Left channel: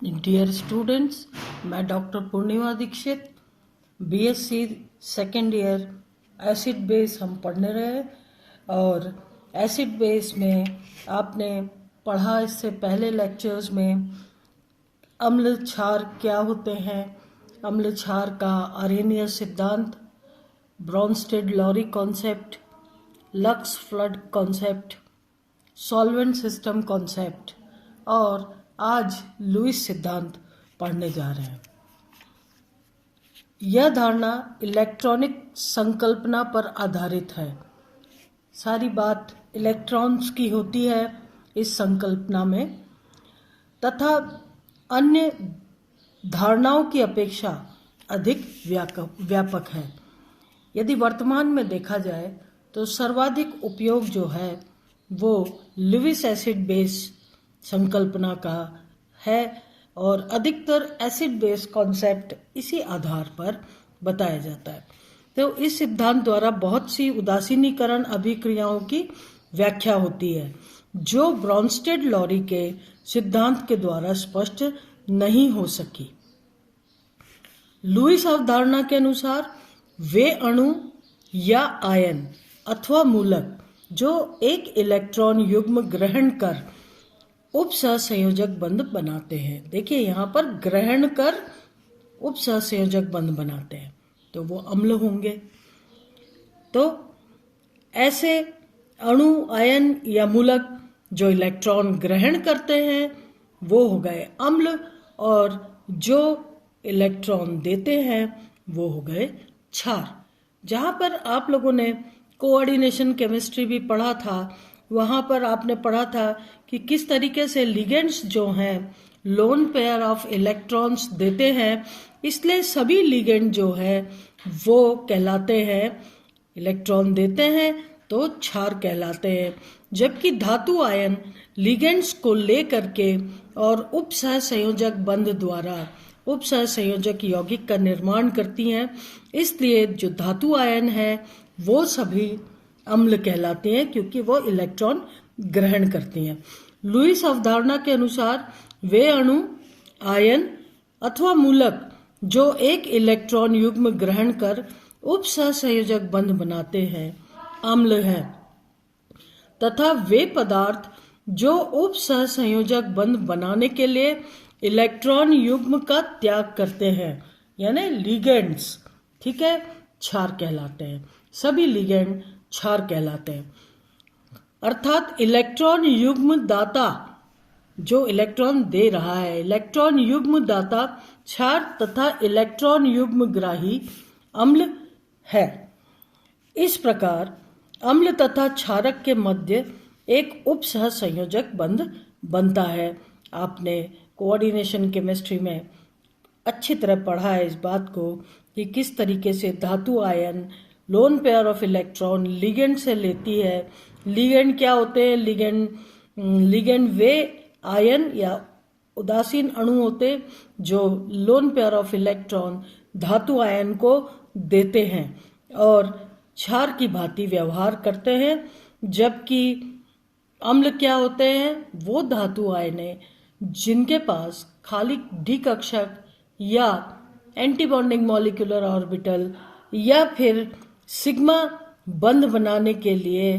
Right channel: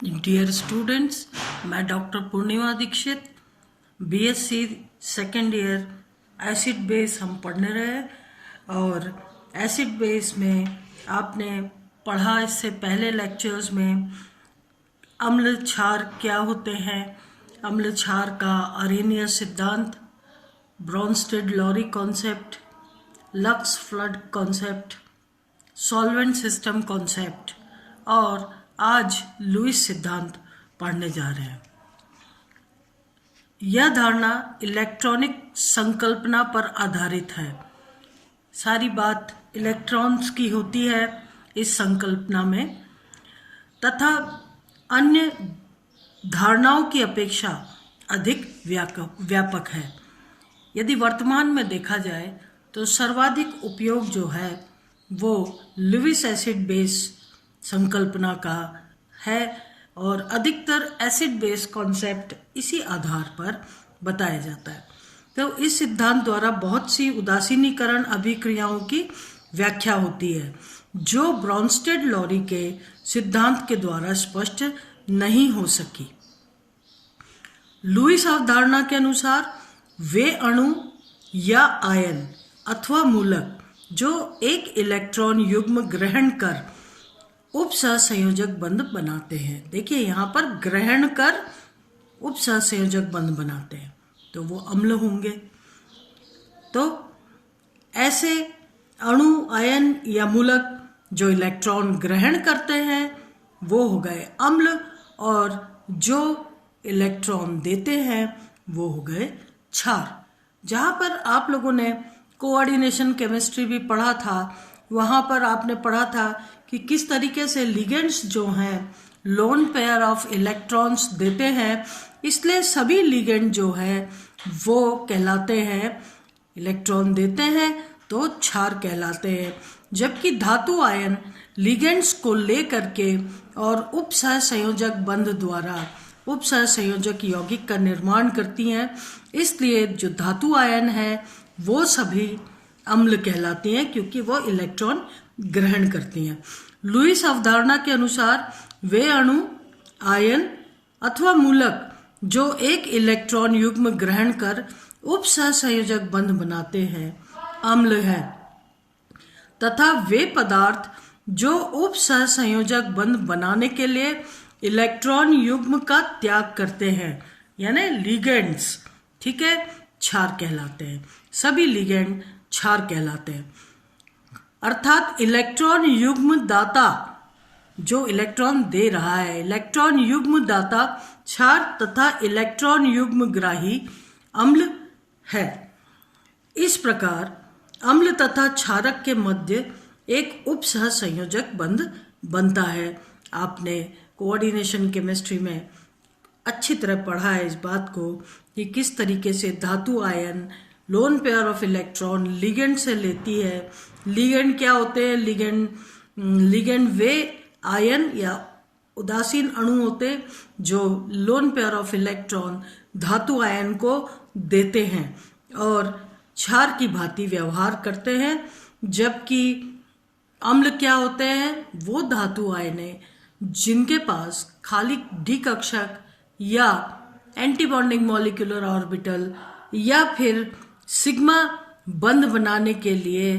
Dear students, मैं doctor Purnima Dikshit, BSc second year acid base हम पढ़ने रहे। और एसिड बेस में आपने पढ़ा इससे पहले लेक्चर्स में अम्ल क्षार क्या होते हैं, अम्ल क्षार का अरेनियस सिद्धांत, Bronsted Lowry concept, lux flood concept, solvent system concept, और आज लुईस सिद्धांत पढ़ने जा रहे हैं। यह धारणा इलेक्ट्रॉनिक संकल्पना पर आधारित है। सारी बात इलेक्ट्रॉन्स की होती है इस संकल्पना में, तथा अन्य धारणाओं की अपेक्षा अधिक व्यापक है। यदि वर्तमान में देखा जाए तो सर्वाधिक उपयोग जो है वो लुईस एसिड बेस संकल्पना का है, और अधिकतर एसिड बेस कॉन्सेप्ट इसी आधार पर बताया जाता है। तो इस सिद्धांत द्वारा बहुत सी उदासीनीकरण अभिक्रियाओं की व्याख्या होती है जो ब्रॉन्स्टेड लॉरी के सिद्धांत के द्वारा स्पष्ट नहीं हो सकी। लुईस अवधारणा के अनुसार वे अणु या आयन अथवा मूलक जो एक इलेक्ट्रॉन युग्म ग्रहण कर उपसहसंयोजक बंध बनाते हैं। देखिए यहाँ पर ग्रहण कर उपसहसंयोजक बंध बनाते हैं तो वो अम्ल होंगे। तो ऐसे अणु, आयन या मूलक जो इलेक्ट्रॉन ग्रहण करते हैं वो हो गए अम्ल, और जो इलेक्ट्रॉन देते हैं वो हो गए क्षार। जहाँ पर आप लोगों ने कोऑर्डिनेशन केमिस्ट्री भी पढ़ा था, वहाँ पर आपने पढ़ा था कि किस तरीके से लिगेंड्स जो हैं लोन पेयर ऑफ इलेक्ट्रॉन्स देते हैं, इसलिए सभी लिगेंड जो है वो कहलाते हैं, इलेक्ट्रॉन देते हैं तो क्षार कहलाते हैं। जबकि धातु आयन लिगेंड्स को ले करके और उपसहसंयोजक बंध द्वारा उपसहसंयोजक यौगिक का निर्माण करती हैं, इसलिए जो धातु आयन है वो सभी अम्ल कहलाते हैं क्योंकि वो इलेक्ट्रॉन ग्रहण करती हैं। लुईस अवधारणा के अनुसार वे अणु, आयन अथवा मूलक जो एक इलेक्ट्रॉन युग्म ग्रहण कर उपसहसंयोजक बंध बनाते हैं अम्ल हैं, तथा वे पदार्थ जो उपसहसंयोजक बंध बनाने के लिए इलेक्ट्रॉन युग्म का त्याग करते हैं यानी लिगेंड्स, ठीक है, क्षार कहलाते हैं। सभी लिगेंड क्षार कहलाते हैं। अर्थात इलेक्ट्रॉन युग्म दाता जो इलेक्ट्रॉन दे रहा है, इलेक्ट्रॉन युग्म दाता क्षार तथा इलेक्ट्रॉन युग्म ग्राही अम्ल है। इस प्रकार अम्ल तथा क्षारक के मध्य एक उपसहसंयोजक बंध बनता है। आपने कोऑर्डिनेशन केमिस्ट्री में अच्छी तरह पढ़ा है इस बात को कि किस तरीके से धातु ion loan pair of electron ligand से लेती है। लिगेंड क्या होते हैं? लिगेंड वे आयन या उदासीन अणु होते जो लोन पेयर ऑफ इलेक्ट्रॉन धातु आयन को देते हैं और क्षार की भांति व्यवहार करते हैं। जबकि अम्ल क्या होते हैं? वो धातु आयन है जिनके पास खाली डी कक्षक या एंटीबॉन्डिंग मॉलिक्यूलर ऑर्बिटल या फिर सिग्मा बंध बनाने के लिए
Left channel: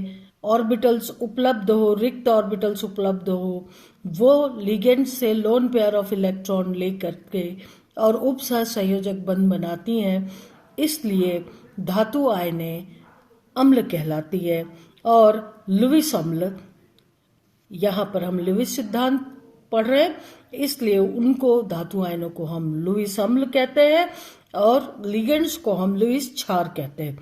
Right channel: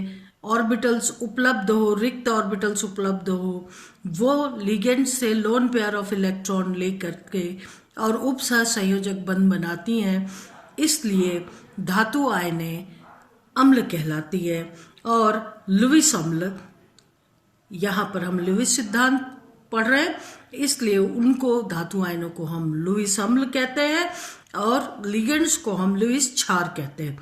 ऑर्बिटल्स उपलब्ध हो, रिक्त ऑर्बिटल्स उपलब्ध हो, वो लिगेंड से लोन पेयर ऑफ इलेक्ट्रॉन लेकर के और उपसहसंयोजक बंध बनाती हैं। इसलिए धातु आयनें अम्ल कहलाती है। और लुईस अम्ल, यहाँ पर हम लुईस सिद्धांत पढ़ रहे हैं इसलिए उनको धातु आयनों को हम लुईस अम्ल कहते हैं और लिगेंड्स को हम लुईस क्षार कहते हैं।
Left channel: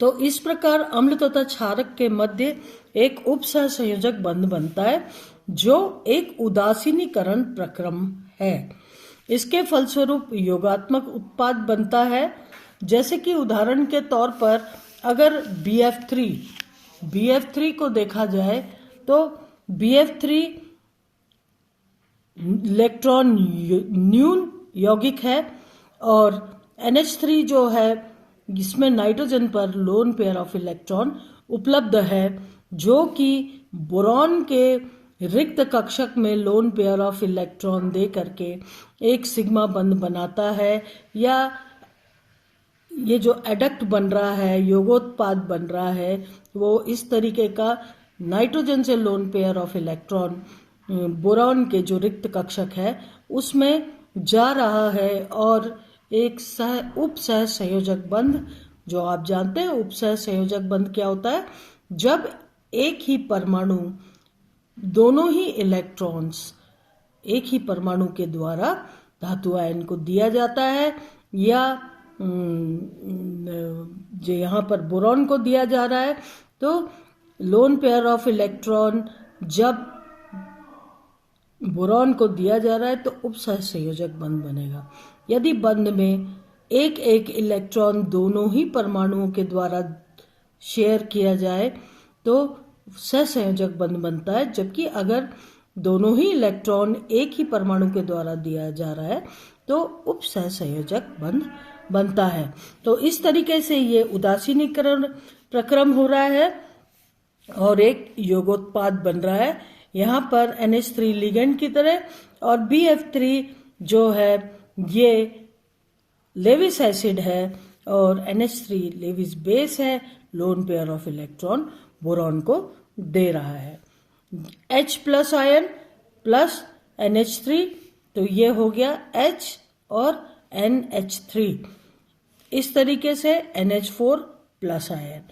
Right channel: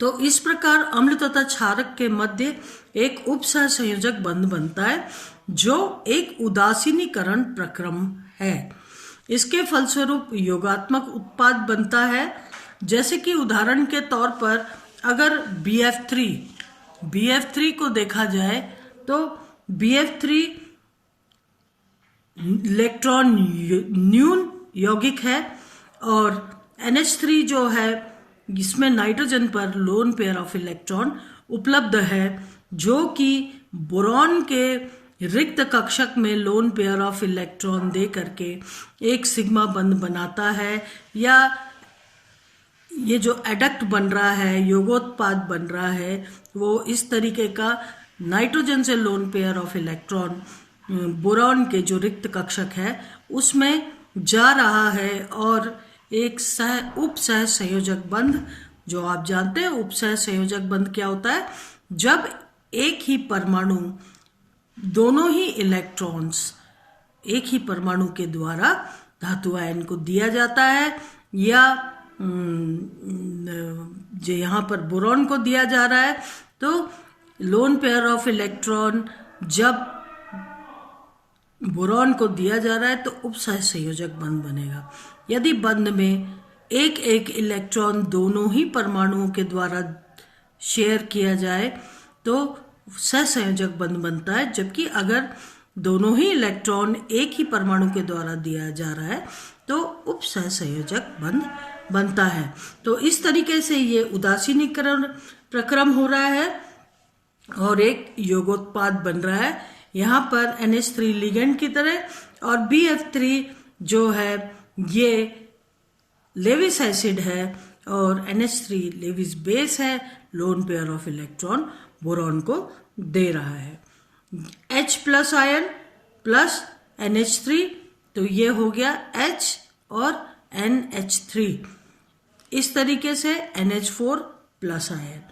तो इस प्रकार अम्ल तथा क्षारक के मध्य एक उपसहसंयोजक बंध बनता है जो एक उदासीनीकरण प्रक्रम है। इसके फलस्वरूप योगात्मक उत्पाद बनता है। जैसे कि उदाहरण के तौर पर अगर BF3 को देखा जाए तो BF3 इलेक्ट्रॉन न्यून यौगिक है और NH3 जो है इसमें नाइट्रोजन पर लोन पेयर ऑफ इलेक्ट्रॉन उपलब्ध है जो कि बोरॉन के रिक्त कक्षक में लोन पेयर ऑफ इलेक्ट्रॉन दे करके एक सिग्मा बंध बनाता है, या ये जो एडक्ट बन रहा है, योगोत्पाद बन रहा है, वो इस तरीके का नाइट्रोजन से loan pair of electron boron के जो रिक्त कक्षक है उसमें जा रहा है, और एक उप सह संयोजक बंध, जो आप जानते हैं उप सह संयोजक बंध क्या होता है, जब एक ही परमाणु दोनों ही इलेक्ट्रॉन्स एक ही परमाणु के द्वारा धातु आयन को दिया जाता है, या जो यहाँ पर बोरॉन को दिया जा रहा है, तो लोन पेयर ऑफ इलेक्ट्रॉन जब बोरॉन को दिया जा रहा है तो उपसह संयोजक बंध बनेगा। यदि बंध में एक एक इलेक्ट्रॉन दोनों ही परमाणुओं के द्वारा शेयर किया जाए तो सहसंयोजक बंध बनता है, जबकि अगर दोनों ही इलेक्ट्रॉन एक ही परमाणु के द्वारा दिया जा रहा है तो उप सहसंयोजक बंध बनता है। तो इस तरीके से ये उदासीनीकरण प्रक्रम हो रहा है और एक योगोत्पाद बन रहा है। यहाँ पर NH3 लिगेंड की तरह और BF3 जो है ये लेविस एसिड है और NH3 लेविस बेस है, loan pair of electron boron को दे रहा है। H plus ion plus NH3, तो ये हो गया H और NH3, इस तरीके से NH4 प्लस आयन।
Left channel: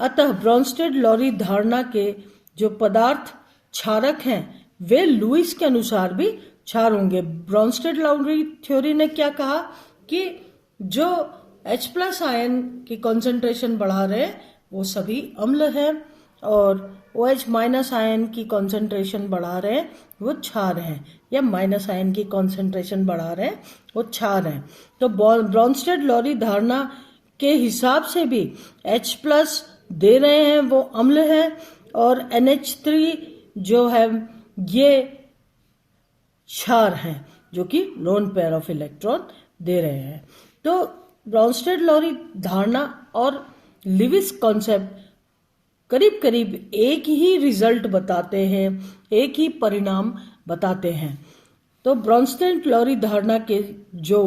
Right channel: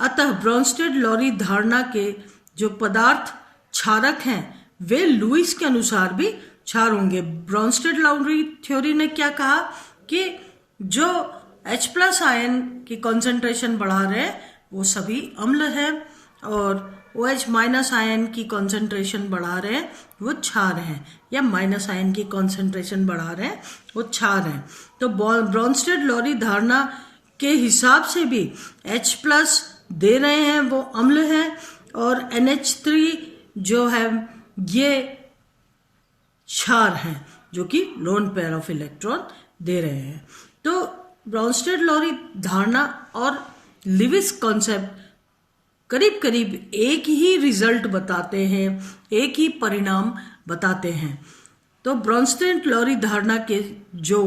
अतः ब्रोंस्टेड लॉरी धारणा के जो पदार्थ क्षारक हैं वे लुईस के अनुसार भी क्षार होंगे। ब्रोंस्टेड लॉरी थ्योरी ने क्या कहा कि जो H प्लस आयन की कॉन्सेंट्रेशन बढ़ा रहे हैं वो सभी अम्ल हैं, और OH माइनस आयन की कॉन्सेंट्रेशन बढ़ा रहे हैं वो क्षार हैं, या माइनस आयन की कॉन्सेंट्रेशन बढ़ा रहे हैं वो क्षार हैं। तो ब्रोंस्टेड लॉरी धारणा के हिसाब से भी H प्लस दे रहे हैं वो अम्ल है, और NH3 जो है ये क्षार हैं जो कि लोन पेयर ऑफ इलेक्ट्रॉन दे रहे हैं। तो ब्रोंस्टेड लॉरी धारणा और लिविस कॉन्सेप्ट करीब करीब एक ही रिजल्ट बताते हैं, एक ही परिणाम बताते हैं। तो ब्रोंस्टेड लॉरी धारणा के जो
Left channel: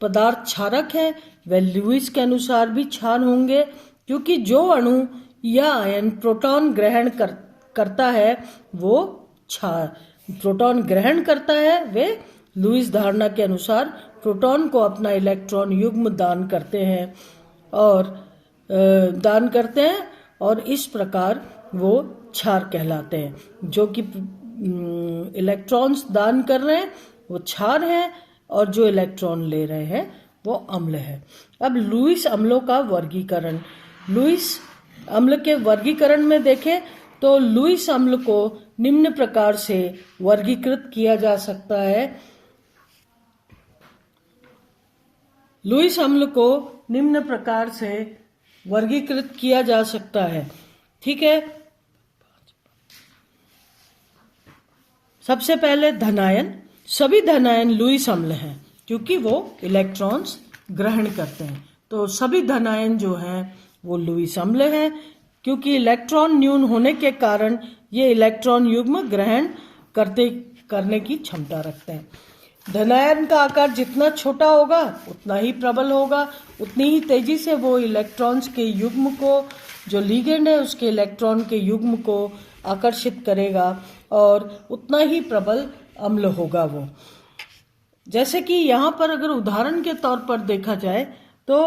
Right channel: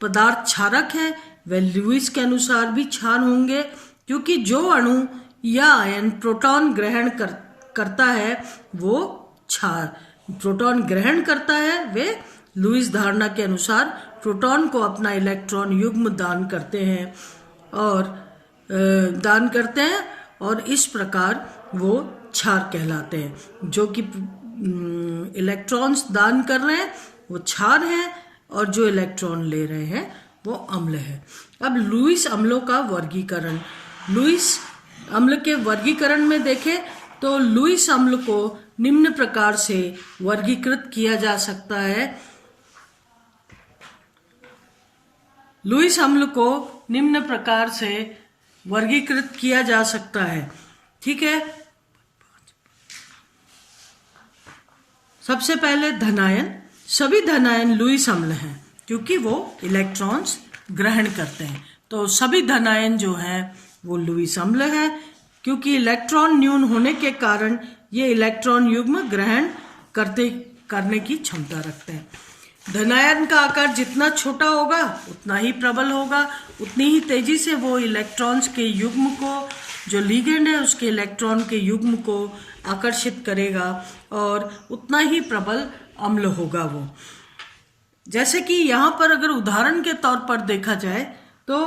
पदार्थ क्षारक हैं वह लुईस के अनुसार भी क्षार होंगे, क्योंकि जो अणु या आयन प्रोटॉन ग्रहण करता है वो क्षार, प्रोटॉन ग्रहण करता है वे लुईस धारणा के अनुसार प्रोटॉन को अपना इलेक्ट्रॉन युग्म दान करते हैं और इस प्रकार वो क्षार कहलाते हैं। जो कि इलेक्ट्रॉन्स दान कर रहे हैं वो क्षार हैं, और जो इलेक्ट्रॉन ले रहे हैं वो अम्ल है। अब लुईस अम्लों का वर्गीकरण, लुईस अम्ल के वर्गीकरण में देखें तो लुईस अम्ल को निम्न प्रकार से वर्गीकृत किया जा सकता है। लुईस अम्ल को निम्न प्रकार से वर्गीकृत किया जा सकता है, ठीक है। सबसे पहले धनायन, सभी धनायन लुईस अम्ल हैं क्योंकि वो इलेक्ट्रॉन्स ग्रहण करते हैं। तो सभी धनायन जो हैं वो लुईस अम्ल हैं, क्योंकि इलेक्ट्रॉन न्यून होने के कारण ये इलेक्ट्रॉन युग्म ग्रहण करने की क्षमता रखते हैं। धनायन का आकार जितना छोटा होगा उतना ही प्रबल होगा, उतनी ही तेजी से वो इलेक्ट्रॉन्स के युग्म को, जो लिगेंड है उसके इलेक्ट्रॉन के युग्म को आकर्षित करेगा, और उतना ही प्रबल अम्ल होगा वो। जैसे कि यहाँ पर अगर उदाहरण के तौर पर देखा जाए तो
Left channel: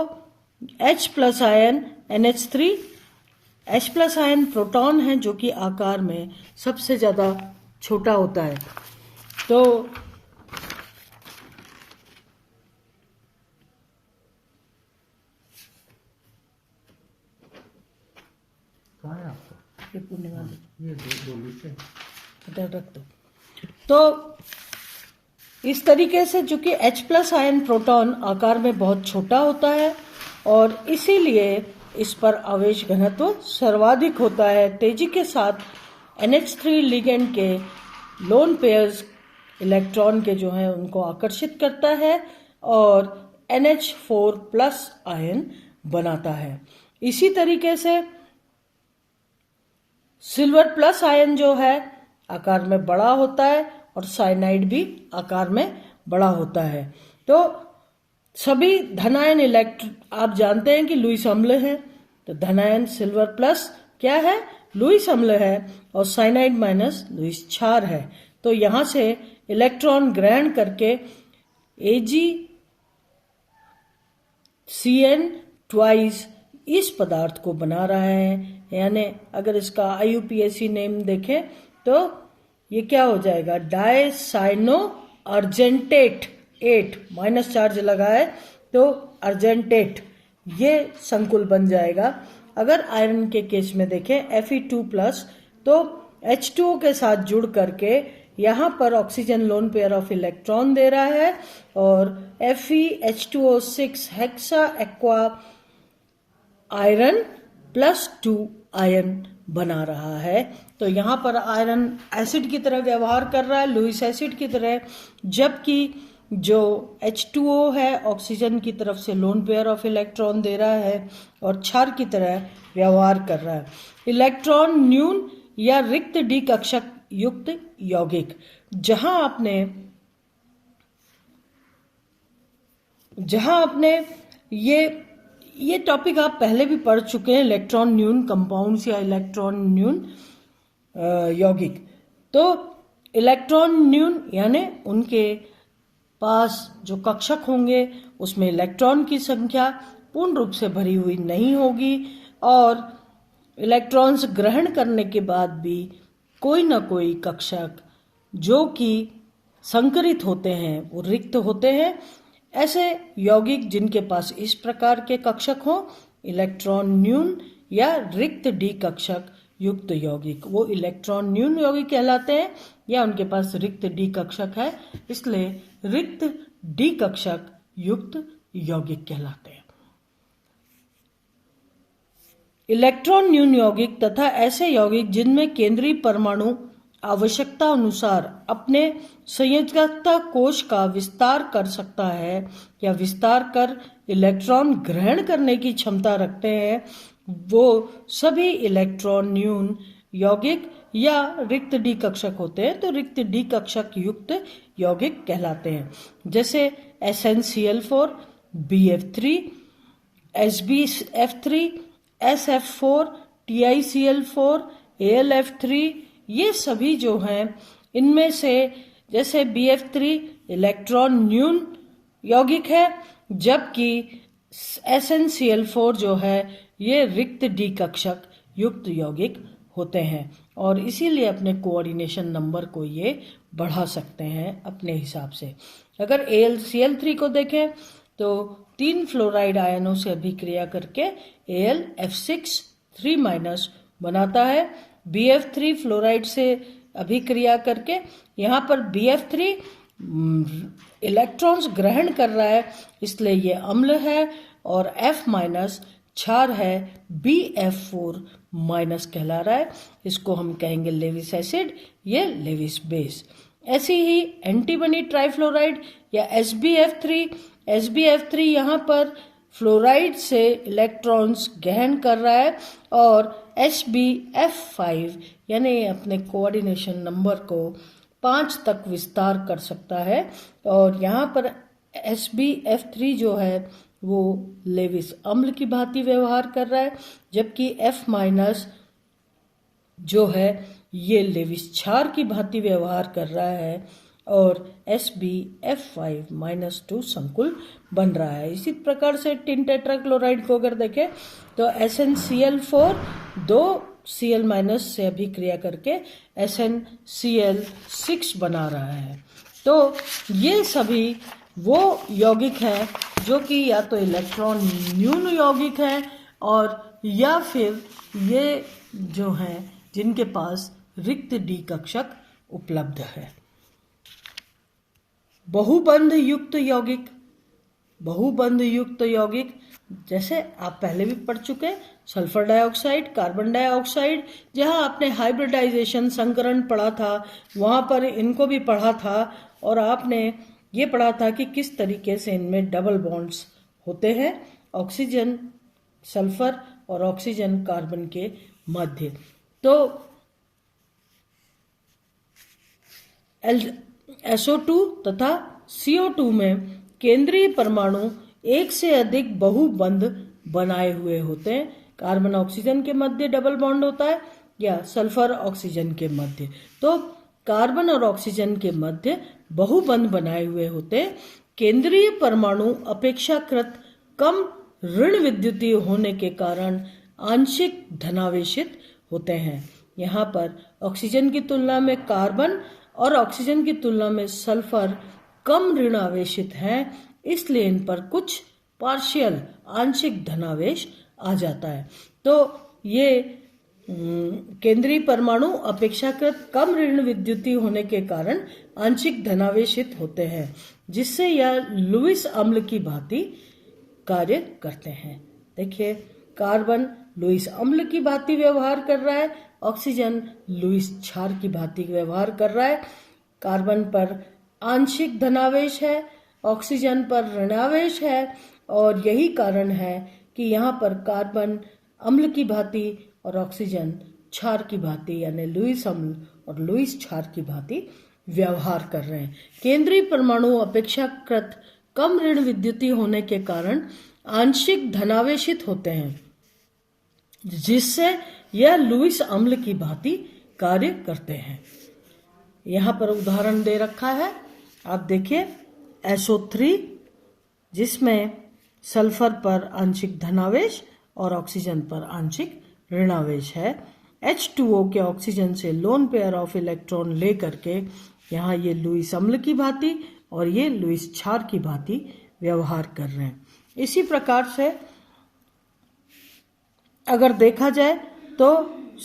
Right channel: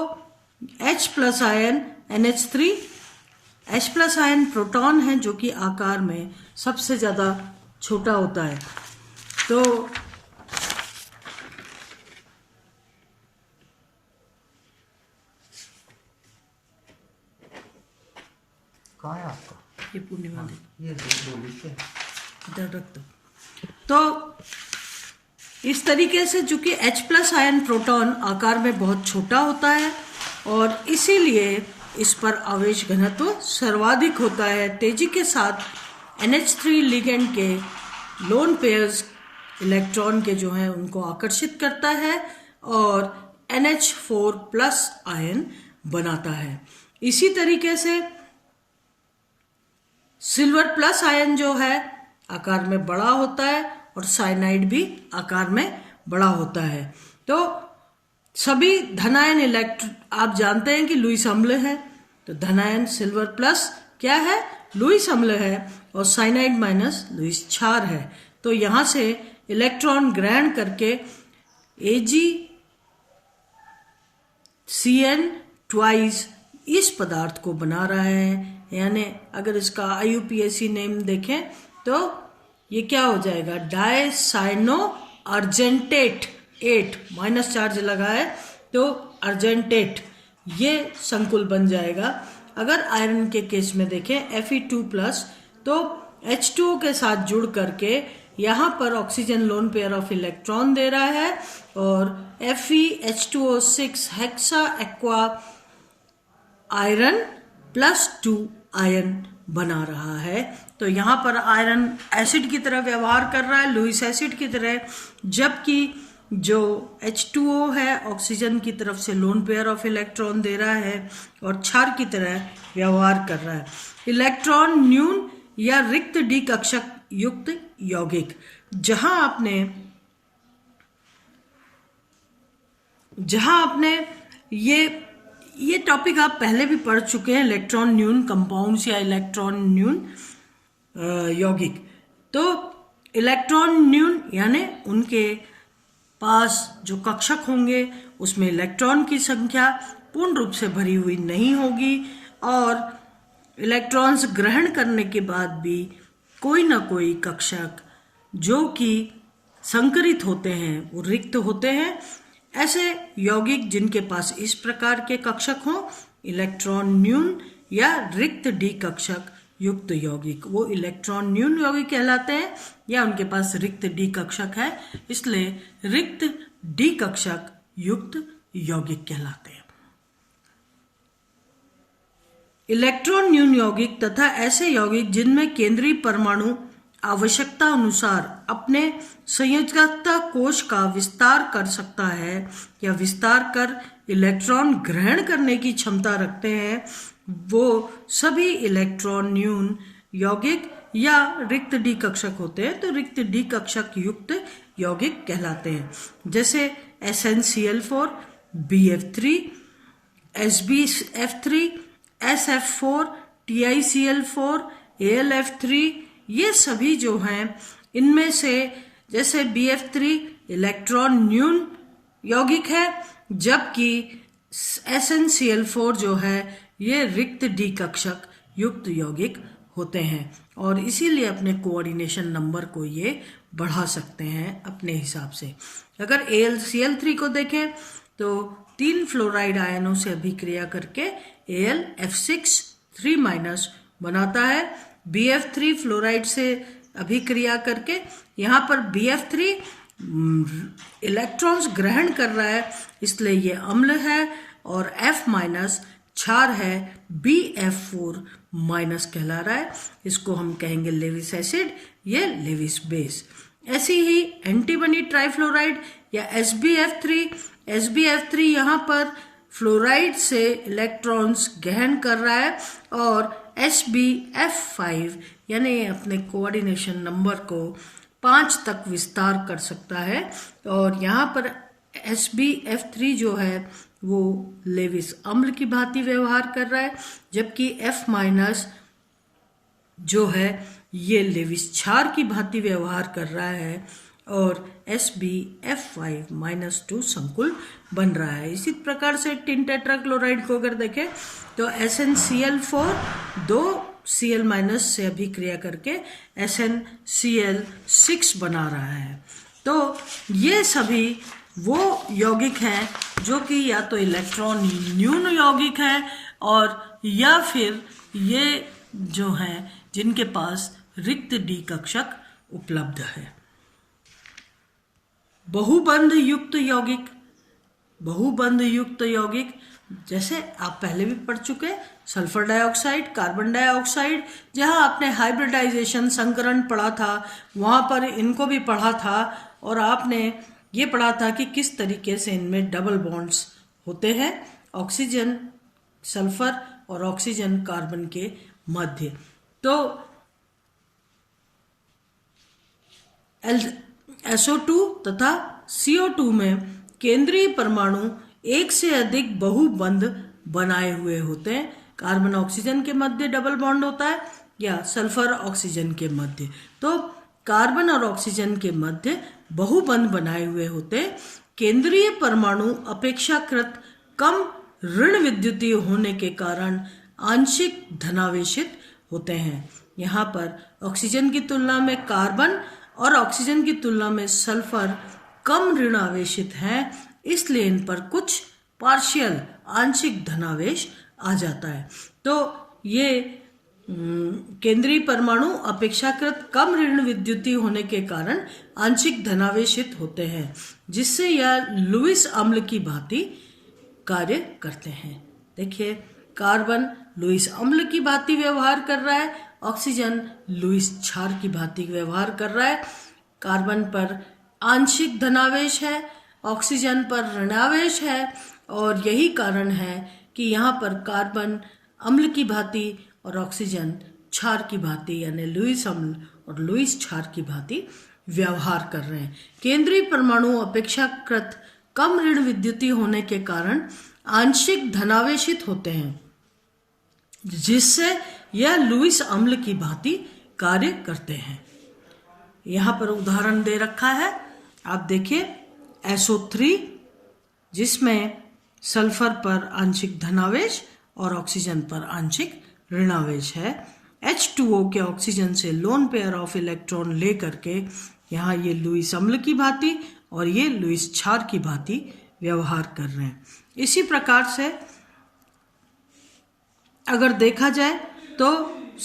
H plus ion NH3, H plus ion proton है जो कि आकार में सबसे ज़्यादा छोटा होता है। तो कहाँ है आपका? ये पूर्णिमा दे ये इधर रख दो। तो इस तरीके से चूंकि H प्लस आयन प्रोटॉन आकार में बहुत छोटा होता है और इसीलिए इस पर आवेश घनत्व सर्वाधिक होता है। तेजी के साथ NH3 लिगेंड के लोन पेयर्स इलेक्ट्रॉन के जो हैं उनको आकर्षित करता है और NH4 प्लस आयन बनाता है। इसी तरीके से सिल्वर प्लस आयन जो है आकार में बड़ा होता है और साइनाइड भी आकार में बड़ा होता है। तो सभी धनायन इलेक्ट्रॉन आप जानते हैं कि लुईस अम्ल है, तो धनायन सिल्वर प्लस क्या है, लुईस अम्ल है, और साइनाइड माइनस लुईस क्षार है। तो यहाँ से इलेक्ट्रॉन ग्रहण करके AgCN ट्वाइस इस पदार्थ को बना रहा है। यानी अगर इसका IUPAC नेम देखें तो ये क्या हो जाएगा, डायसाइनो अर्जेंटेट 8 माइनस चार्ज लगा है तो अर्जेंटेट ये संकुल बन जाएगा। अगर आयरन के केस में देखें Fe2+ तो H2O के साथ जुड़ करके यहाँ पर oxygen lone pair of electron दे रहा है और FeH2O6 hexa aqua iron +2 ion बना रहा है। तो यहाँ पर आयरन एसिड की तरह व्यवहार कर रहा है, लुईस एसिड की तरह, जबकि जो H2O है ऑक्सीजन की तरफ से लोन पेयर ऑफ इलेक्ट्रॉन दे रहा है और क्षार की तरह व्यवहार कर रहा है। इलेक्ट्रॉन न्यून या रिक्त डी कक्षक युक्त यौगिक, जहां आपने ये टॉपिक आप पहले भी पढ़ चुके हैं, इलेक्ट्रॉन न्यून कंपाउंड्स या इलेक्ट्रॉन न्यून यौगिक। तो इलेक्ट्रॉन न्यून यानी उनके पास जो कक्षक होंगे उसमें इलेक्ट्रॉन की संख्या पूर्ण रूप से भरी हुई नहीं होगी और इलेक्ट्रॉन्स ग्रहण करने के बाद भी कोई ना कोई कक्षक जो कि संकरित होते हैं वो रिक्त होते हैं। ऐसे यौगिक जिनके पास इस प्रकार के कक्षक हों, इलेक्ट्रॉन न्यून या रिक्त डी कक्षक युक्त यौगिक, वो इलेक्ट्रॉन न्यून यौगिक कहलाते हैं या उनके पास रिक्त डी कक्षक है, इसलिए रिक्त डी कक्षक युक्त यौगिक कहलाते हैं। इलेक्ट्रॉन न्यून यौगिक तथा ऐसे यौगिक जिनमें केंद्रीय परमाणु आवश्यकता अनुसार अपने संयोजकता कोश का विस्तार कर सकता है या विस्तार कर इलेक्ट्रॉन ग्रहण करने की क्षमता रखते हैं, वो सभी इलेक्ट्रॉन न्यून यौगिक या रिक्त डी कक्षक होते हैं। तो रिक्त डी कक्षक युक्त यौगिक कहलाते हैं, जैसे SnCl4, BF3, SbF3, SF4, TiCl4, AlF3, ये सभी जो हैं इनमें से जैसे BF3 इलेक्ट्रॉन न्यून यौगिक है, जबकि SnCl4 जो है ये रिक्त डी कक्षक युक्त यौगिक होते हैं और इसीलिए अपने कोऑर्डिनेशन नंबर को ये बढ़ा सकते हैं अपने हिसाब से। अगर AlCl3 को देखें तो 3 फ्लोराइड आयनों से अभिक्रिया करके AlF6 3- बनाता है। BF3 फ्लोराइड से अभिक्रिया करके यहाँ पर BF3 इलेक्ट्रॉन्स ग्रहण कर रहा है, इसलिए ये अम्ल है और F- क्षार है, BF4- कहला रहा है, इसको हम कहेंगे लेविस एसिड, ये लेविस बेस। ऐसी ही एंटीमनी ट्राइफ्लोराइड या SbF3 यहाँ पर फ्लोराइड से इलेक्ट्रॉन्स ग्रहण कर रहा है और SbF5 यानी अपने कोऑर्डिनेशन नंबर को 5 तक विस्तार कर सकता है और यहाँ पर SbF3 जो है वो लेविस अम्ल की भांति व्यवहार कर रहा है, जबकि F- जो है ये लेविस क्षार की भांति व्यवहार कर रहा है और SbF5-2 संकुल बन रहा है। इसी प्रकार से टिन टेट्राक्लोराइड को अगर देखें तो SnCl4 2 Cl- से अभिक्रिया करके SnCl6 बना रहा है। तो ये सभी वो यौगिक हैं जो कि या तो इलेक्ट्रॉन न्यून यौगिक है और या फिर ये जो हैं जिनके पास रिक्त डी कक्षक उपलब्ध है। बहुबंध युक्त यौगिक जैसे आप पहले भी पढ़ चुके, सल्फर डाइऑक्साइड, कार्बन डाइऑक्साइड, जहां आपने हाइब्रिडाइजेशन संकरण पढ़ा था वहां पर इनको भी पढ़ा था और आपने ये पढ़ा था कि किस तरीके से इनमें डबल बॉन्ड्स होते हैं ऑक्सीजन सल्फर और ऑक्सीजन कार्बन के मध्य। तो SO2 तथा CO2 में केंद्रीय परमाणु एक से अधिक बहुबंध बनाए हुए होते हैं। कार्बन ऑक्सीजन के मध्य डबल बॉन्ड होता है या सल्फर ऑक्सीजन के मध्य। तो कार्बन और ऑक्सीजन के मध्य बहुबंध बनाए हुए होते हैं। केंद्रीय परमाणु अपेक्षाकृत कम ऋण विद्युतीय होने के कारण आंशिक धनावेशित होते हैं। यहाँ पर ऑक्सीजन की तुलना में कार्बन और ऑक्सीजन की तुलना में सल्फर कम ऋण आवेशित हैं, इसलिए इन पर कुछ पार्शियल आंशिक धनावेश आ जाता है। तो ये केंद्रीय परमाणु अपेक्षाकृत कम ऋण विद्युतीय होने के कारण आंशिक धनावेशित होते हैं, जिससे यह लुईस अम्ल की भांति कार्य करते हैं। देखिए, कार्बन लुईस अम्ल की भांति व्यवहार कर रहा है, ऑक्सीजन लुईस क्षार की भांति व्यवहार कर रहा है। कार्बन पर आंशिक धनावेश है, ऑक्सीजन पर ऋणावेश है, और यही कारण है कि यहाँ पर कार्बन अम्ल की भांति और ऑक्सीजन क्षार की भांति यानी लुईस अम्ल और लुईस क्षार की भांति व्यवहार कर रहे हैं। केंद्रीय परमाणु अपेक्षाकृत कम ऋण विद्युतीय होने के कारण आंशिक धनावेशित होते हैं, जिससे यह लुईस अम्ल की भांति कार्य करते हैं। यहाँ पर उदाहरण दे रखा है, आप देखिए SO3 जिसमें सल्फर पर आंशिक धनावेश और ऑक्सीजन पर आंशिक ऋणावेश है। H2O के ऑक्सीजन से लोन पेयर ऑफ इलेक्ट्रॉन ले करके यहाँ ये लुईस अम्ल की भांति और ये लुईस क्षार की भांति व्यवहार कर रहे हैं। इसी प्रकार से अगर देखा जाए तो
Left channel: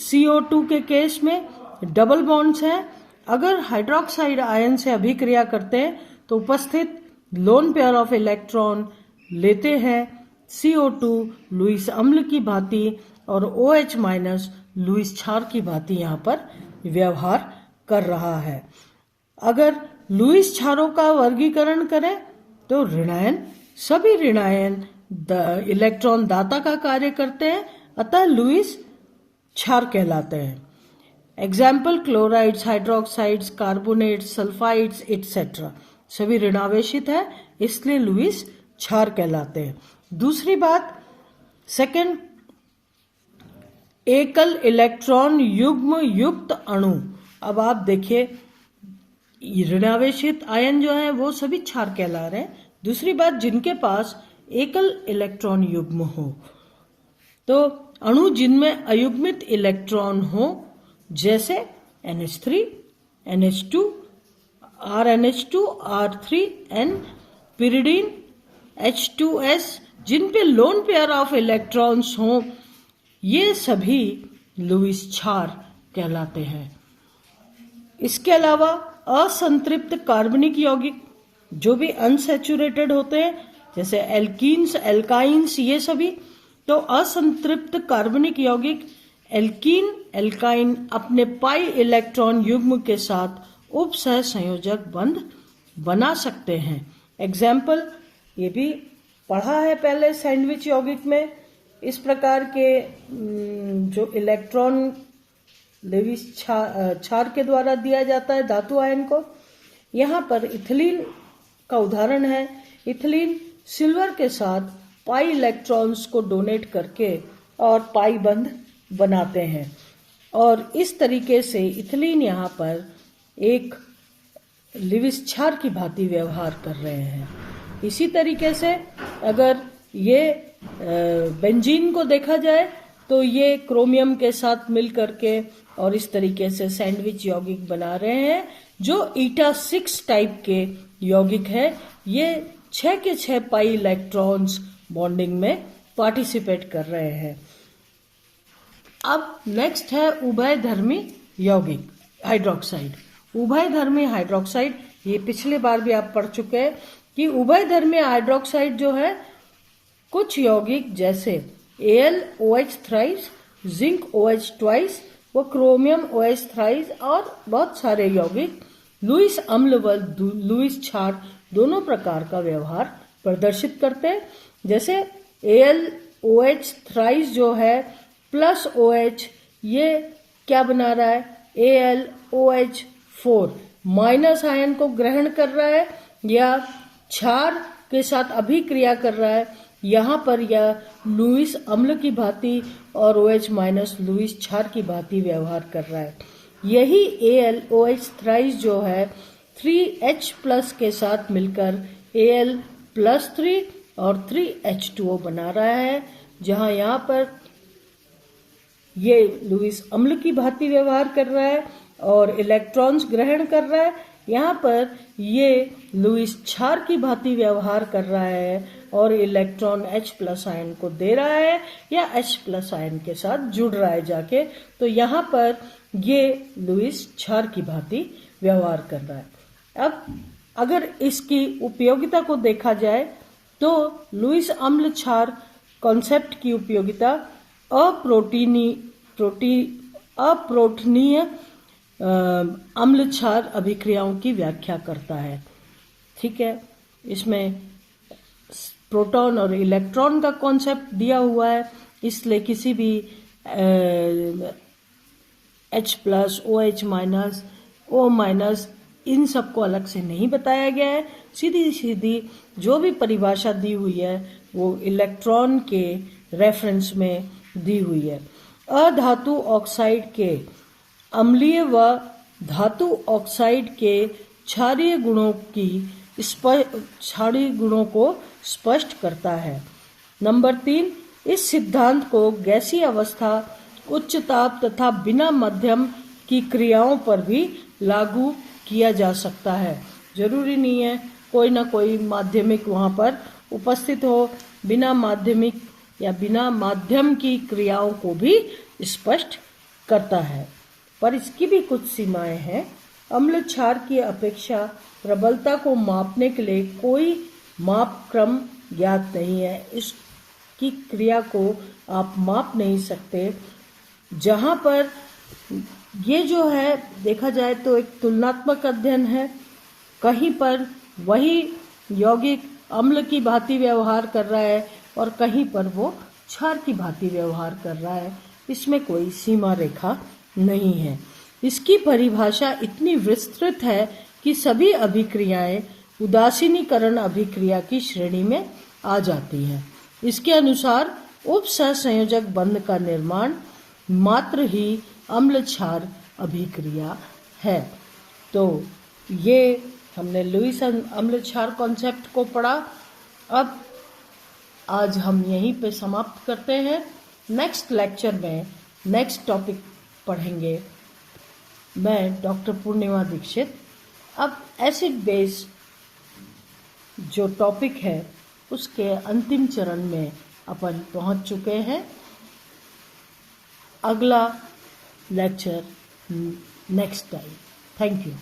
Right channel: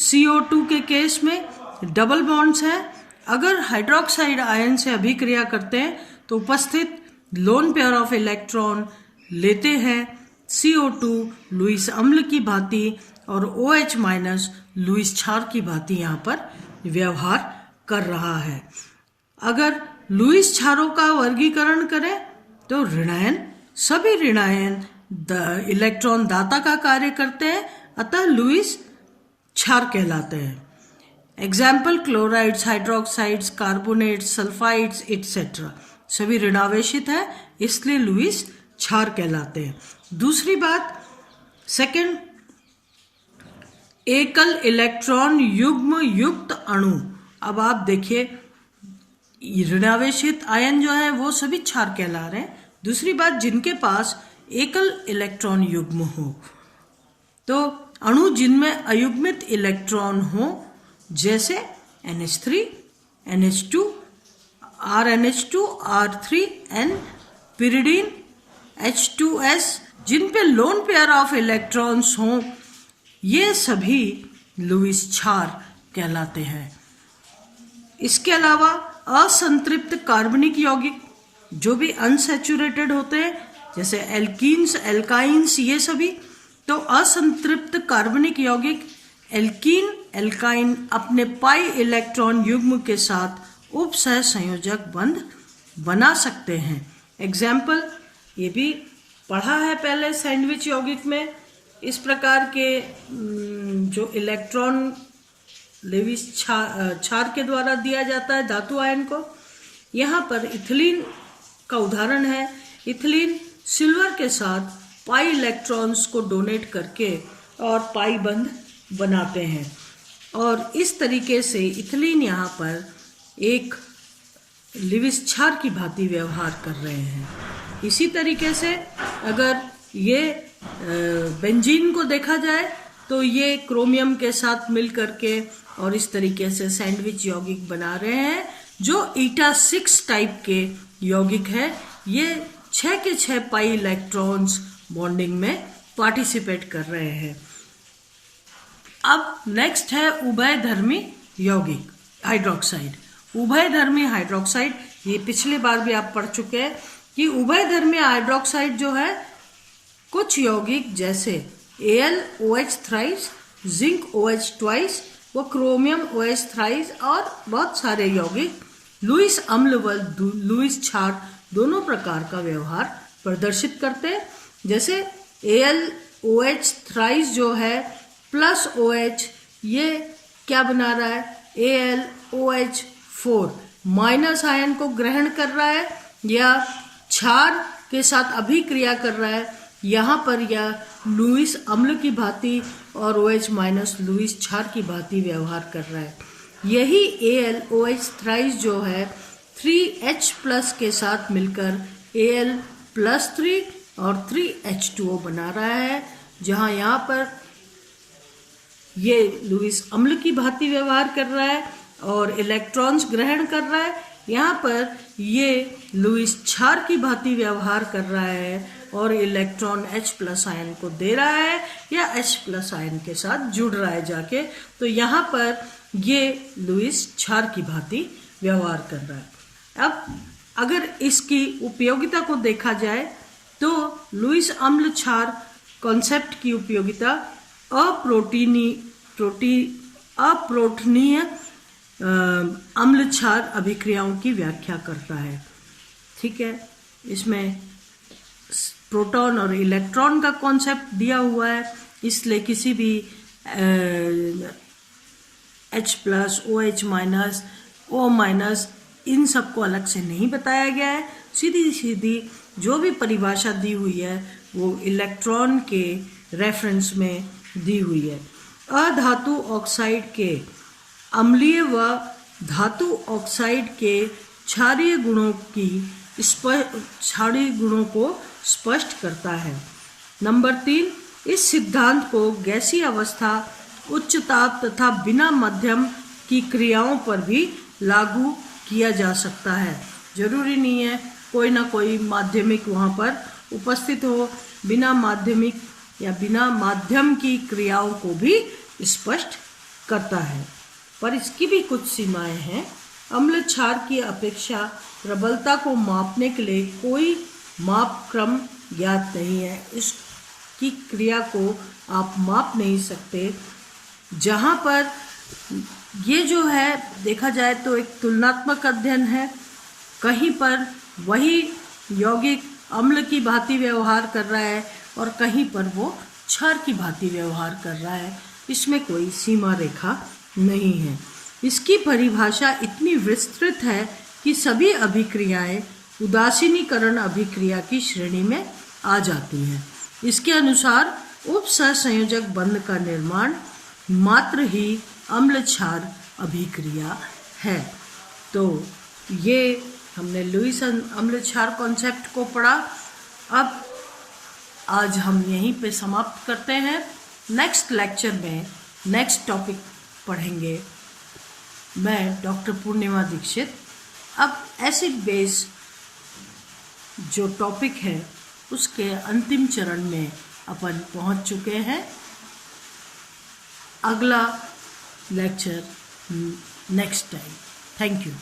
CO2 के केस में डबल बॉन्ड्स हैं। अगर हाइड्रोक्साइड आयन से अभिक्रिया करते हैं तो उपस्थित लोन पेयर ऑफ इलेक्ट्रॉन लेते हैं CO2 लुईस अम्ल की भांति और OH माइनस लुईस क्षार की भांति यहाँ पर व्यवहार कर रहा है। अगर लुईस क्षारों का वर्गीकरण करें तो ऋणायन, सभी ऋणायन इलेक्ट्रॉन दाता का कार्य करते हैं, अतः लुईस क्षार कहलाते हैं। Example chlorides, hydroxides, carbonates, sulphides etcetera सभी ऋणावेशित है, इसलिए लुईस क्षार कहलाते हैं। दूसरी बात, सेकंड, एकल इलेक्ट्रॉन युग्म युक्त अणु। अब आप देखिए ऋणावेशित आयन जो है वो सभी क्षार कहला रहे हैं। दूसरी बात, जिनके पास एकल इलेक्ट्रॉन युग्म हो, तो अणु जिनमें अयुग्मित इलेक्ट्रॉन हो, जैसे NH3, NH2, RNH2, R3N, pyridine, H2S, जिन पे लोन पेयर ऑफ इलेक्ट्रॉन्स हों, ये सभी लुईस क्षार कहलाते हैं। इसके अलावा असंतृप्त कार्बनिक यौगिक जो भी अनसैचुरेटेड होते हैं, जैसे एल्कीन्स, एल्काइंस, ये सभी, तो असंतृप्त कार्बनिक यौगिक एल्कीन, एल्काइन अपने पाई इलेक्ट्रॉन युग्म के साथ उपसह संयोजक बंध बना सकते हैं। एग्जाम्पल, ये भी पढ़ा है पहले सैंडविच यौगिक में, इस प्रकार के जो इलेक्ट्रॉन लेविस क्षार के द्वारा दिया जाता है धातु आयन को। यहाँ पर इथिलीन का उदाहरण है। इथिलीन सिल्वर के साथ पाई इलेक्ट्रॉन्स को डोनेट करके और पाई बंध बनाते हैं, और इस तरीके से इथिलीन यहाँ पर एक लेविस क्षार की भांति व्यवहार कर रहे हैं। इसी तरीके से अगर ये बेंजीन को देखा जाए तो ये क्रोमियम के साथ मिल करके और इस तरीके से सैंडविच यौगिक बना रहे हैं, जो ईटा 6 टाइप के यौगिक है। ये 6 के 6 पाई इलेक्ट्रॉन्स बॉन्डिंग में पार्टिसिपेट कर रहे हैं। अब नेक्स्ट है उभयधर्मी यौगिक हाइड्रोक्साइड। उभयधर्मी हाइड्रोक्साइड, ये पिछले बार भी आप पढ़ चुके हैं कि उभयधर्मी हाइड्रोक्साइड जो है, कुछ यौगिक जैसे AlOH thrice, zinc OH twice व क्रोमियम OH थ्राइस और बहुत सारे यौगिक लुईस अम्ल व लुईस क्षार दोनों प्रकार का व्यवहार प्रदर्शित करते हैं। जैसे AlOH थ्राइस जो है +OH, ये क्या बना रहा है AlOH4, माइनस आयन को ग्रहण कर रहा है या क्षार के साथ अभिक्रिया कर रहा है, यहाँ पर यह लुईस अम्ल की भांति और OH माइनस लुईस क्षार की भांति व्यवहार कर रहा है। यही AlOH थ्राइस जो है 3H प्लस के साथ मिलकर Al+3 और 3H2O बना रहा है, जहाँ यहाँ पर ये लुईस अम्ल की भांति व्यवहार कर रहा है और इलेक्ट्रॉन्स ग्रहण कर रहा है, यहाँ पर ये लुईस क्षार की भांति व्यवहार कर रहा है और इलेक्ट्रॉन H+ आयन को दे रहा है या H+ आयन के साथ जुड़ रहा है जाके, तो यहाँ पर ये लुईस क्षार की भांति व्यवहार कर रहा है। अब अगर इसकी उपयोगिता को देखा जाए तो लुईस अम्ल क्षार कॉन्सेप्ट की उपयोगिता अप्रोटनीय अम्ल क्षार अभिक्रियाओं की व्याख्या करता है। ठीक है, इसमें प्रोटॉन और इलेक्ट्रॉन का कॉन्सेप्ट दिया हुआ है, इसलिए किसी भी H+, OH minus, O minus इन सबको अलग से नहीं बताया गया है। सीधी सीधी जो भी परिभाषा दी हुई है वो इलेक्ट्रॉन के रेफरेंस में दी हुई है। अधातु ऑक्साइड के अम्लीय व धातु ऑक्साइड के क्षारीय गुणों को स्पष्ट करता है। नंबर 3, इस सिद्धांत को गैसीय अवस्था, उच्च ताप तथा बिना माध्यम की क्रियाओं पर भी लागू किया जा सकता है। जरूरी नहीं है कोई ना कोई माध्यमिक वहाँ पर उपस्थित हो, बिना माध्यमिक या बिना माध्यम की क्रियाओं को भी स्पष्ट करता है, पर इसकी भी कुछ सीमाएं हैं। अम्ल क्षार की अपेक्षा प्रबलता को मापने के लिए कोई माप क्रम ज्ञात नहीं है। इसकी क्रिया को आप माप नहीं सकते। जहाँ पर ये जो है देखा जाए तो एक तुलनात्मक अध्ययन है, कहीं पर वही यौगिक अम्ल की भांति व्यवहार कर रहा है और कहीं पर वो क्षार की भांति व्यवहार कर रहा है। इसमें कोई सीमा रेखा नहीं है। इसकी परिभाषा इतनी विस्तृत है कि सभी अभिक्रियाएं उदासीनीकरण अभिक्रिया की श्रेणी में आ जाती हैं। इसके अनुसार उपसहसंयोजक बंध का निर्माण मात्र ही अम्ल क्षार अभिक्रिया है। तो ये हमने लुईस अम्ल क्षार कॉन्सेप्ट को पढ़ा। अब आज हम यहीं पे समाप्त करते हैं। नेक्स्ट लेक्चर में नेक्स्ट टॉपिक पढ़ेंगे मैं, डॉक्टर पूर्णिमा दीक्षित। अब एसिड बेस जो टॉपिक है उसके अंतिम चरण में अपन पहुंच चुके हैं। अगला lecture next time. Thank you.